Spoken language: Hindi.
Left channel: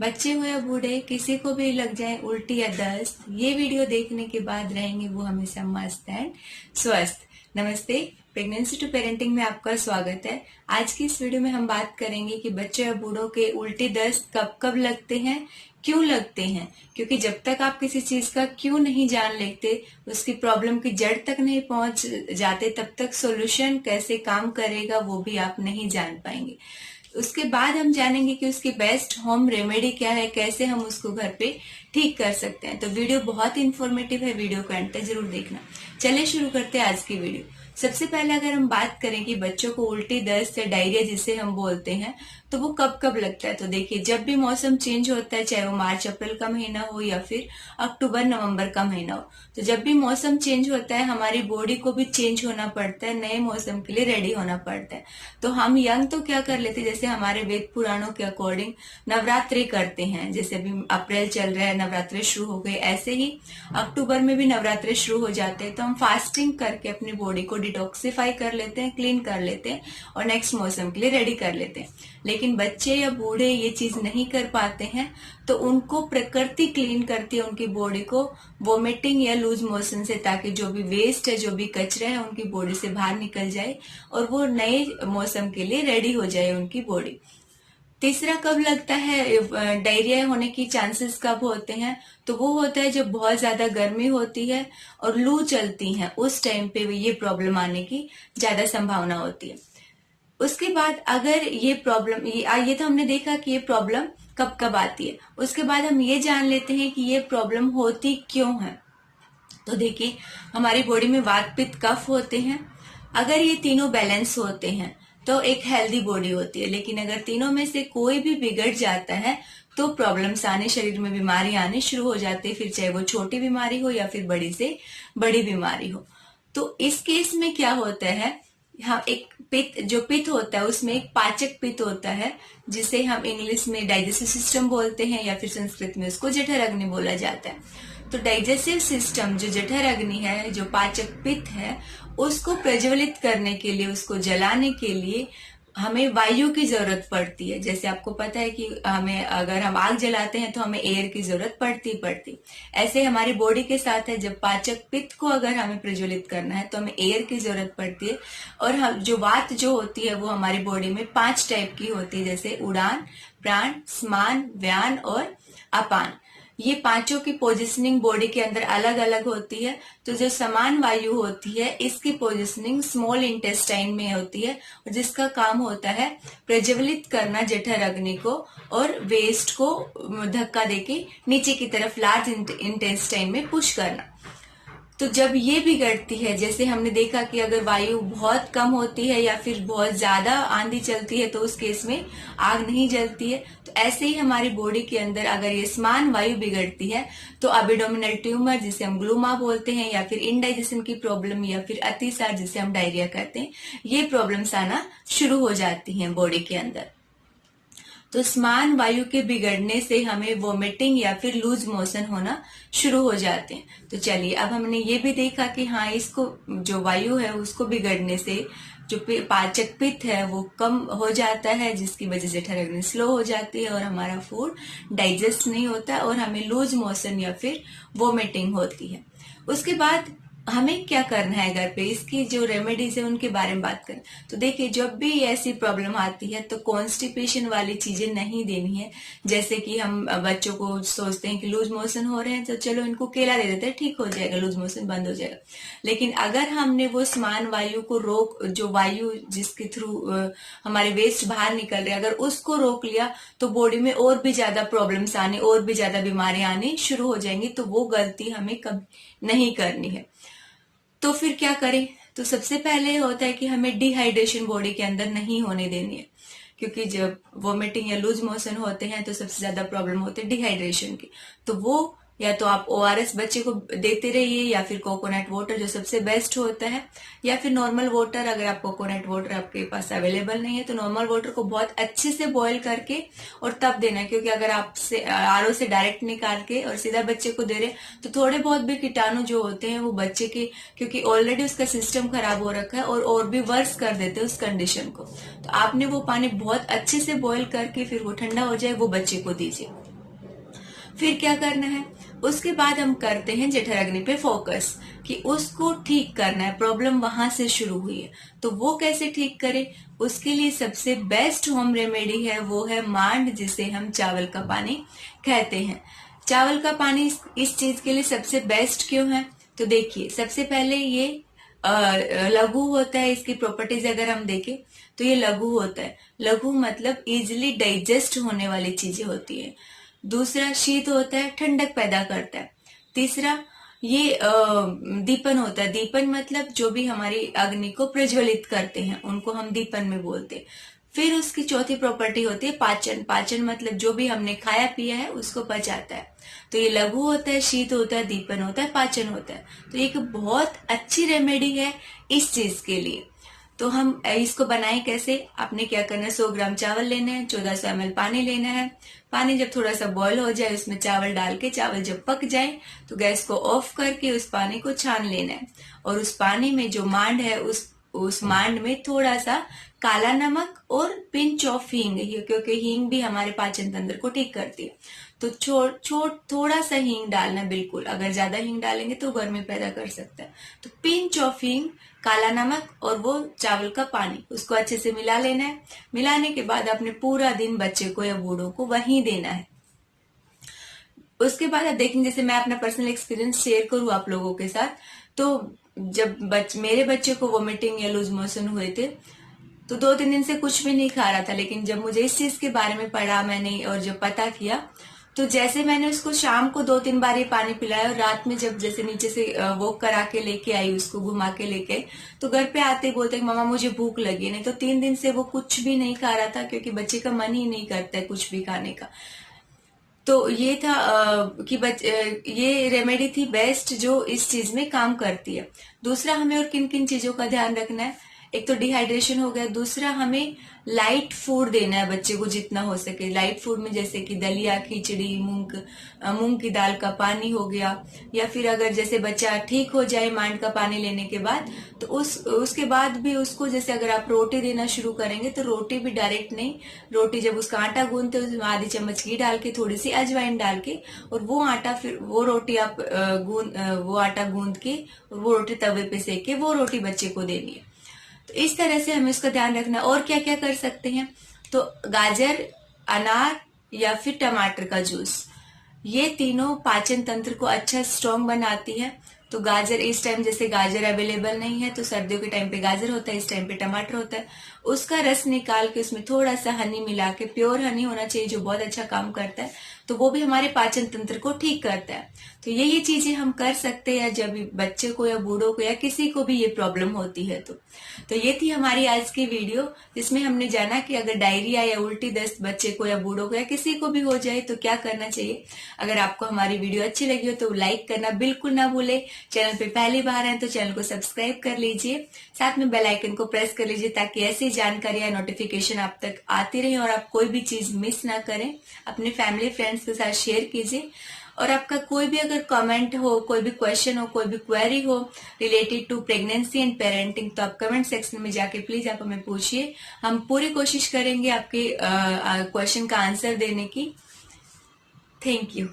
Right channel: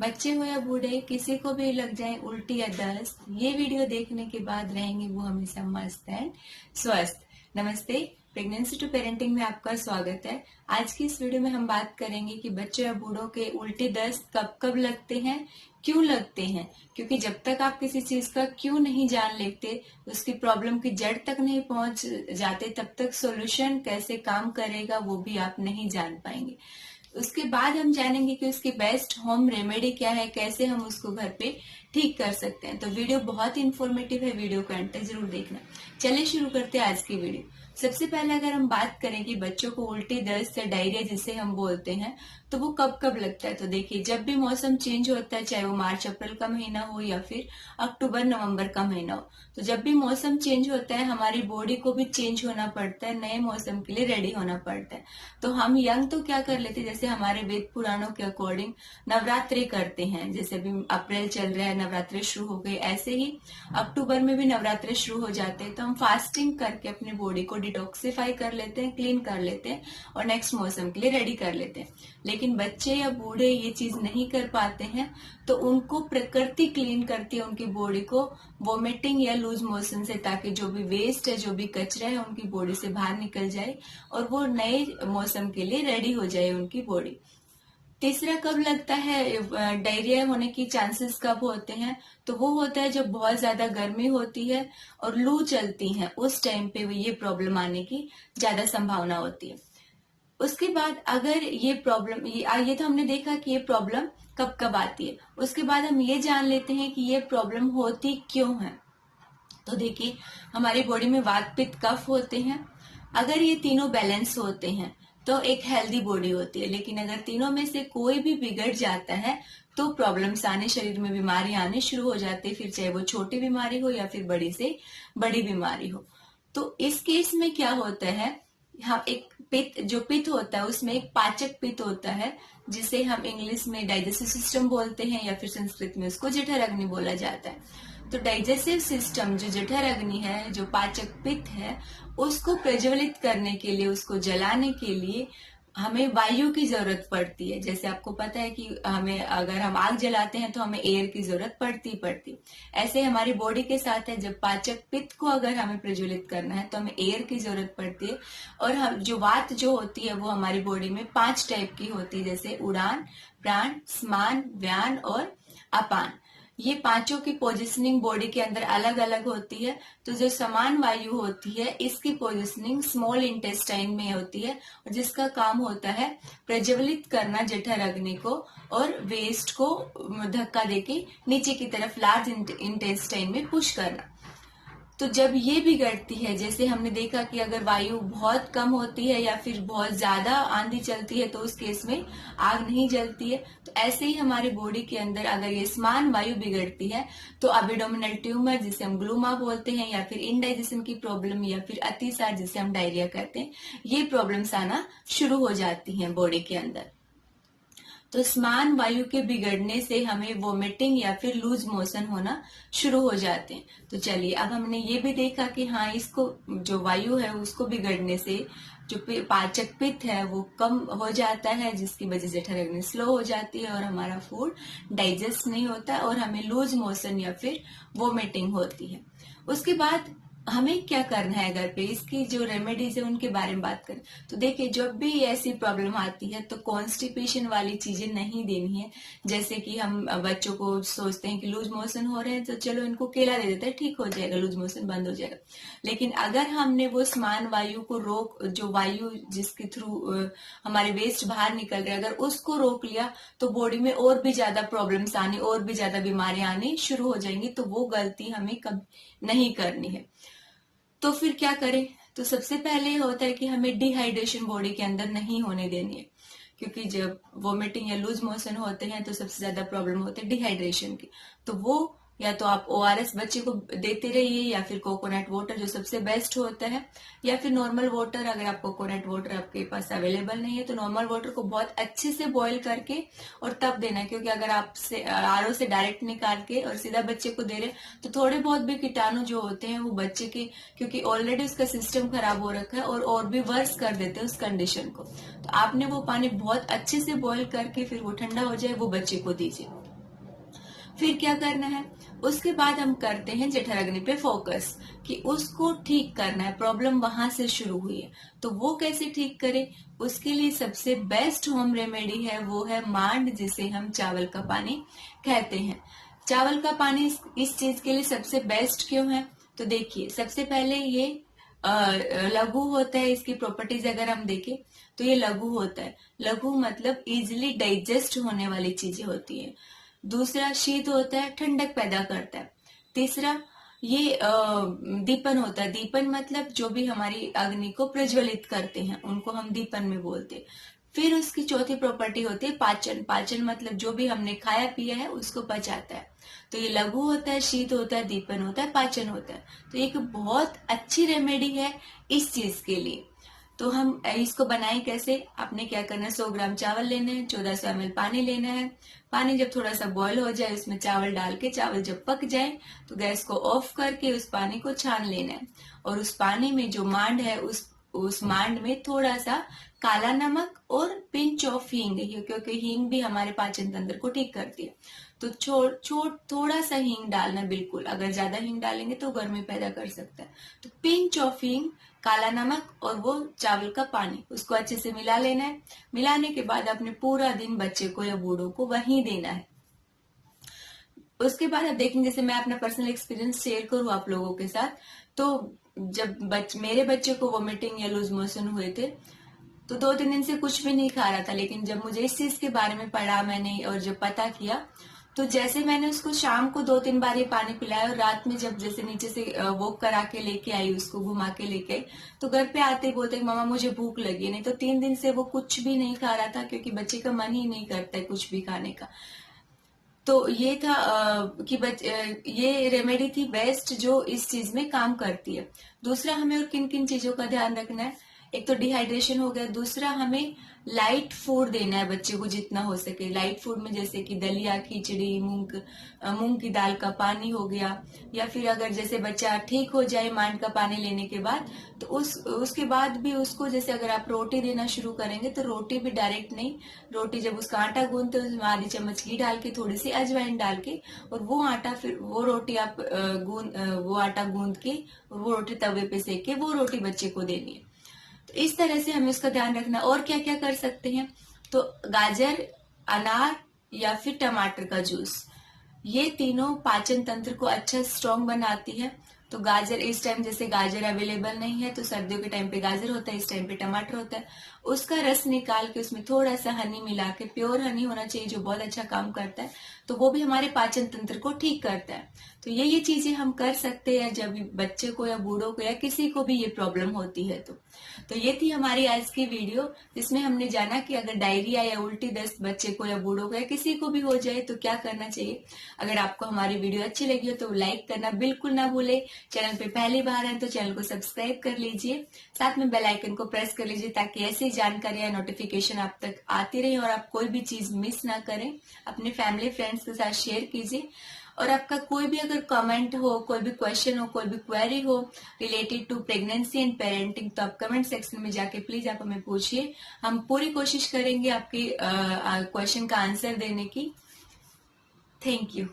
बच्चे हो या बूढ़े किसी को भी लग जाए उल्टी या दस्त, ये वीडियो देखने के बाद रहेंगे वो हमेशा मस्त एंड स्वस्थ। नमस्ते, प्रेगनेंसी टू पेरेंटिंग में आपका स्वागत है। आज की इस वीडियो में हम बात करेंगे कि बच्चों या बूढ़ों के उल्टी दस्त कब कब लगते हैं, क्यों लगते हैं। क्योंकि जब तक आप किसी चीज का क्यों नहीं जान लेते, उसकी प्रॉब्लम की जड़ तक नहीं पहुंच जाते, तब तक सॉल्यूशन कैसे काम करेगा वो भी आप नहीं जान पाएंगे। उसके बाद हम जानेंगे कि उसकी बेस्ट होम रेमेडी क्या है, कैसे हम उसको घर पे ठीक कर सकते हैं। तो वीडियो बहुत इंफॉर्मेटिव है, वीडियो को अंत तक जरूर देखना। चलिए शुरू करते हैं आज की वीडियो। सबसे पहले अगर हम बात करें कि बच्चों को उल्टी दस्त या डायरिया जिसे हम बोलते हैं, तो वो कब कब लगता है। तो देखिए, जब भी मौसम चेंज होता है, चाहे वो मार्च अप्रैल का महीना हो या फिर अक्टूबर नवंबर का महीना हो, तो जब भी मौसम चेंज होता है हमारी बॉडी को भी चेंज होना पड़ता है, नए मौसम के लिए रेडी होना पड़ता है। तो हम यंग तो क्या कर लेते हैं, जैसे हमारे वेद पुराणों के अकॉर्डिंग नवरात्रि करते हैं। जैसे अभी अप्रैल चल रहा है, नवरात्रि शुरू हो गए, ऐसे ही अक्टूबर में भी नवरात्रि शुरू हो जाते हैं। तो हम फास्टिंग करके अपनी बॉडी को डिटॉक्सिफाई कर लेते हैं, क्लीन कर लेते हैं और नेक्स्ट मौसम के लिए रेडी कर लेते हैं। लेकिन बच्चे या बूढ़े ये चीज नहीं कर पाते हैं, तो उनको प्रकृति क्लीन करती है उनकी बॉडी को वोमिटिंग या लूज मोशन से, ताकि जो भी वेस्ट है, जो भी कचरा है, उनकी बॉडी से बाहर निकल जाए और वो नए मौसम के लिए रेडी हो जाए उनकी बॉडी। तीसरा कब लगता है, डायरिया होने की चांसेस कब होते हैं, तो वो होता है जब बहुत ज्यादा गर्मी होती है और लू चलती है, उस टाइम पे ये प्रॉब्लम आने की ज्यादा संभावना होती है। उसके बाद अगर ये प्रॉब्लम, ये तो हमने देखा कि ये प्रॉब्लम कब कब आती है। उसके बाद हम ये जान लेते हैं कि ये प्रॉब्लम होती क्यों है। तो देखिए, हमारी बॉडी में वात पित्त कफ होते हैं। अगर ये तीनों बैलेंस होते हैं तो एक हेल्दी बॉडी होती है। लेकिन अगर तीनों में से कोई भी बिगड़ जाता है तो प्रॉब्लम्स आने, शरीर में बीमारी आने शुरू हो जाती है, फिर चाहे वो छोटी बीमारी हो या फिर बड़ी से बड़ी बीमारी हो। तो इस केस में क्या होता है, हाँ, एक पित्त, जो पित्त होता है उसमें एक पाचक पित्त होता है, जिसे हम इंग्लिश में डाइजेस्टिव सिस्टम बोलते हैं या फिर संस्कृत में उसको जठर अग्नि बोला जाता है। तो डाइजेस्टिव सिस्टम, जो जठर अग्नि है, जो पाचक पित्त है, उसको प्रज्वलित करने के लिए, उसको जलाने के लिए हमें वायु की जरूरत पड़ती है। जैसे आपको पता है कि हमें, अगर हम आग जलाते हैं तो हमें एयर की जरूरत पड़ती। ऐसे हमारी बॉडी के साथ है, जब पाचक पित्त को अगर हमें प्रज्वलित करना है तो हमें एयर की जरूरत पड़ती है। और हम जो वात जो होती है वो हमारी बॉडी में 5 टाइप की होती है, जैसे उड़ान, प्राण, स्मान, व्यान और अपान। ये पांचों की पोजिशनिंग बॉडी के अंदर अलग अलग होती है। तो जो समान वायु होती है, इसकी पोजिशनिंग स्मॉल इंटेस्टाइन में होती है, और जिसका काम होता है प्रज्वलित करना जठर अग्नि को और वेस्ट को धक्का देके नीचे की तरफ लार्ज इंटेस्टाइन में पुश करना। तो जब ये बिगड़ती है, जैसे हमने देखा कि अगर वायु बहुत कम होती है या फिर बहुत ज्यादा आंधी चलती है, तो उस केस में आग नहीं जलती है। तो ऐसे ही हमारी बॉडी के अंदर अगर ये समान वायु बिगड़ती है तो एब्डोमिनल ट्यूमर, जिसे हम ग्लूमा बोलते हैं, या फिर इनडाइजेशन की प्रॉब्लम, या फिर अतिसार जिसे हम डायरिया कहते हैं, ये प्रॉब्लम्स आना शुरू हो जाती हैं बॉडी के अंदर। तो समान वायु के बिगड़ने से हमें वोमिटिंग या फिर लूज मोशन होना शुरू हो जाते हैं। तो चलिए, अब हमने ये भी देखा कि हाँ, इसको, जो वायु है उसको बिगड़ने से जो पाचक पित्त है वो कम हो जाता है, जिसकी वजह से जठर अग्नि स्लो हो जाती है और हमारा फूड डाइजेस्ट नहीं होता और हमें लूज मोशन या फिर वोमिटिंग होती है। उसके बाद हमें क्या करना है घर पे, इसकी जो रेमेडीज है उनके बारे में बात करें। तो देखिए, जब भी ऐसी प्रॉब्लम आती है तो कॉन्स्टिपेशन वाली चीजें नहीं देनी है। जैसे कि हम बच्चों को सोचते हैं कि लूज मोशन हो रहे हैं तो चलो इनको केला दे देते हैं, ठीक हो जाएगा, लूज मोशन बंद हो जाएगा। लेकिन अगर हमने वो समान वायु को रोक, जो वायु जिसके थ्रू हमारे वेस्ट बाहर निकल रहे, अगर उसको रोक लिया तो बॉडी में और भी ज्यादा प्रॉब्लम्स आने, और भी ज्यादा बीमारियां आनी शुरू हो जाएंगी। तो वो गलती हमें कभी नहीं करनी है। तो फिर क्या करें, तो सबसे पहले होता है कि हमें डिहाइड्रेशन बॉडी के अंदर नहीं होने देनी है। क्योंकि जब वोमिटिंग या लूज मोशन होते हैं तो सबसे ज्यादा प्रॉब्लम होती है डिहाइड्रेशन की। तो वो, या तो आप ओआरएस बच्चे को देते रहिए, या फिर कोकोनट वाटर जो सबसे बेस्ट होता है, या फिर नॉर्मल वाटर। अगर आप कोकोनट वाटर आपके पास अवेलेबल नहीं है तो नॉर्मल वाटर को बहुत अच्छे से बॉईल करके और तब देना है। क्योंकि अगर आप आरओ से डायरेक्ट निकाल के और सीधा बच्चे को दे रहे तो थोड़े बहुत भी कीटाणु जो होते हैं वो बच्चे के, क्योंकि ऑलरेडी उसका सिस्टम खराब हो रखा है, और भी वर्स कर देते हैं उस कंडीशन को। तो आपने वो पानी बहुत अच्छे से बॉईल करके फिर वो ठंडा हो जाए वो बच्चे को दीजिए। फिर क्या करना है, उसके बाद हम करते हैं जठराग्नि पे फोकस कि उसको ठीक करना है, प्रॉब्लम वहां से शुरू हुई है तो वो कैसे ठीक करें। उसके लिए सबसे बेस्ट होम रेमेडी है वो है मांड, जिसे हम चावल का पानी कहते हैं। चावल का पानी इस चीज के लिए सबसे बेस्ट क्यों है, तो देखिए सबसे पहले ये लघु होता है। इसकी प्रॉपर्टीज अगर हम देखें तो ये लघु होता है। लघु मतलब इजिली डाइजेस्ट होने वाली चीजें होती है। दूसरा शीत होता है, ठंडक पैदा करता है। तीसरा ये दीपन होता है। दीपन मतलब जो भी हमारी अग्नि को प्रज्वलित करते हैं उनको हम दीपन में बोलते हैं। फिर उसकी चौथी प्रॉपर्टी होती है पाचन। पाचन मतलब जो भी हमने खाया पिया है उसको पचाता है। तो ये लघु होता है, शीत होता है, दीपन होता है, पाचन होता है। तो एक बहुत अच्छी रेमेडी है इस चीज के लिए। तो हम इसको बनाएं कैसे, आपने क्या करना है, 100 ग्राम चावल लेने हैं, 1400 ml पानी लेना है। पानी जब थोड़ा सा बॉईल हो जाए उसमें चावल डाल के, चावल जब पक जाए तो गैस को ऑफ करके उस पानी को छान लेना है। और उस पानी में जो मांड है उस मांड में थोड़ा सा काला नमक और पिंच ऑफ हींग, क्योंकि हींग भी हमारे पाचन तंत्र को ठीक करती है। तो थोड़ा सा हींग डालना, बिल्कुल, अगर ज्यादा हींग डालेंगे तो गर्मी पैदा कर सकता है। तो पिंच ऑफ हींग, काला नमक और वो चावल का पानी, उसको अच्छे से मिला लेना है। मिलाने के बाद अपने पूरा दिन बच्चे को या बूढ़ों को वहीं देना है। उसके बाद आप देखेंगे, जैसे मैं अपना पर्सनल एक्सपीरियंस शेयर करूँ आप लोगों के साथ, तो जब मेरे बच्चे को वोमिटिंग या लूज मोशन हुए थे तो 2-3 दिन से कुछ भी नहीं खा रहा था। लेकिन जब मुझे इस चीज के बारे में पढ़ा मैंने और जब पता किया, तो जैसे मैंने उसको शाम को 2-3 बार ही पानी पिलाया और रात में जब जैसे नीचे से वॉक करा के लेके आई, उसको घुमा के लेके, तो घर पे आते ही बोलते मामा मुझे भूख लगी। नहीं तो 3 दिन से वो कुछ भी नहीं खा रहा था, क्योंकि बच्चे का मन ही नहीं करता है कुछ भी खाने का। तो ये था कि ये रेमेडी थी बेस्ट जो इस चीज में काम करती है। दूसरा, हमें और किन किन चीजों का ध्यान रखना है, एक तो डिहाइड्रेशन हो गया। दूसरा, हमें लाइट फूड देना है बच्चे को जितना हो सके। लाइट फूड में जैसे कि दलिया, खिचड़ी, मूंग की दाल का पानी हो गया, या फिर अगर जैसे बच्चा ठीक हो जाए मांड का पानी लेने के बाद, तो उसके बाद भी उसको, जैसे अगर आप रोटी देना शुरू करेंगे तो रोटी भी डायरेक्ट नहीं, रोटी जब उसका आटा गूंदते हो उसमें आधी चम्मच घी डाल के, थोड़ी सी अजवाइन डाल के, और वो आटा फिर वो रोटी आप वो आटा गूंद के और वो रोटी तवे पे सेक के वो रोटी बच्चे को देनी है। तो इस तरह से हमें उसका ध्यान रखना। और क्या क्या कर सकते हैं, तो गाजर, अनार या फिर टमाटर का जूस, ये तीनों पाचन तंत्र को अच्छा स्ट्रॉन्ग बनाती है। तो गाजर, इस टाइम जैसे गाजर अवेलेबल नहीं है तो सर्दियों के टाइम पे गाजर होता है, इस टाइम पे टमाटर होता है, उसका रस निकाल के उसमें थोड़ा सा हनी मिला के, प्योर हनी होना चाहिए जो बहुत अच्छा काम करता है, तो वो भी हमारे पाचन तंत्र को ठीक करता है। तो ये चीजें हम कर सकते हैं जब बच्चे को या बूढ़ों को या किसी को भी ये प्रॉब्लम होती है। तो ये थी हमारी आज की वीडियो, जिसमें हमने जाना कि अगर डायरिया या उल्टी दस्त बच्चे को या बूढ़ों को या किसी को भी हो जाए तो क्या करना चाहिए। अगर आपको हमारी वीडियो अच्छी लगी हो तो लाइक करना बिल्कुल ना भूले। चैनल पे पहली बार है तो चैनल को सब्सक्राइब कर लीजिए, साथ में बेल आइकन को प्रेस कर लीजिए ताकि ऐसी जानकारी या नोटिफिकेशन आप तक आती रहे और आप कोई भी चीज मिस ना करें। अपने फैमिली फ्रेंड्स के साथ शेयर कीजिए। और आपका कोई भी अगर कमेंट हो, कोई भी क्वेश्चन हो, कोई भी क्वेरी हो related to pregnancy and parenting, तो आप कमेंट सेक्शन में जाके प्लीज आप हमें पूछिए। हम पूरी कोशिश करेंगे आपके क्वेश्चन का आंसर देने की। Thank you.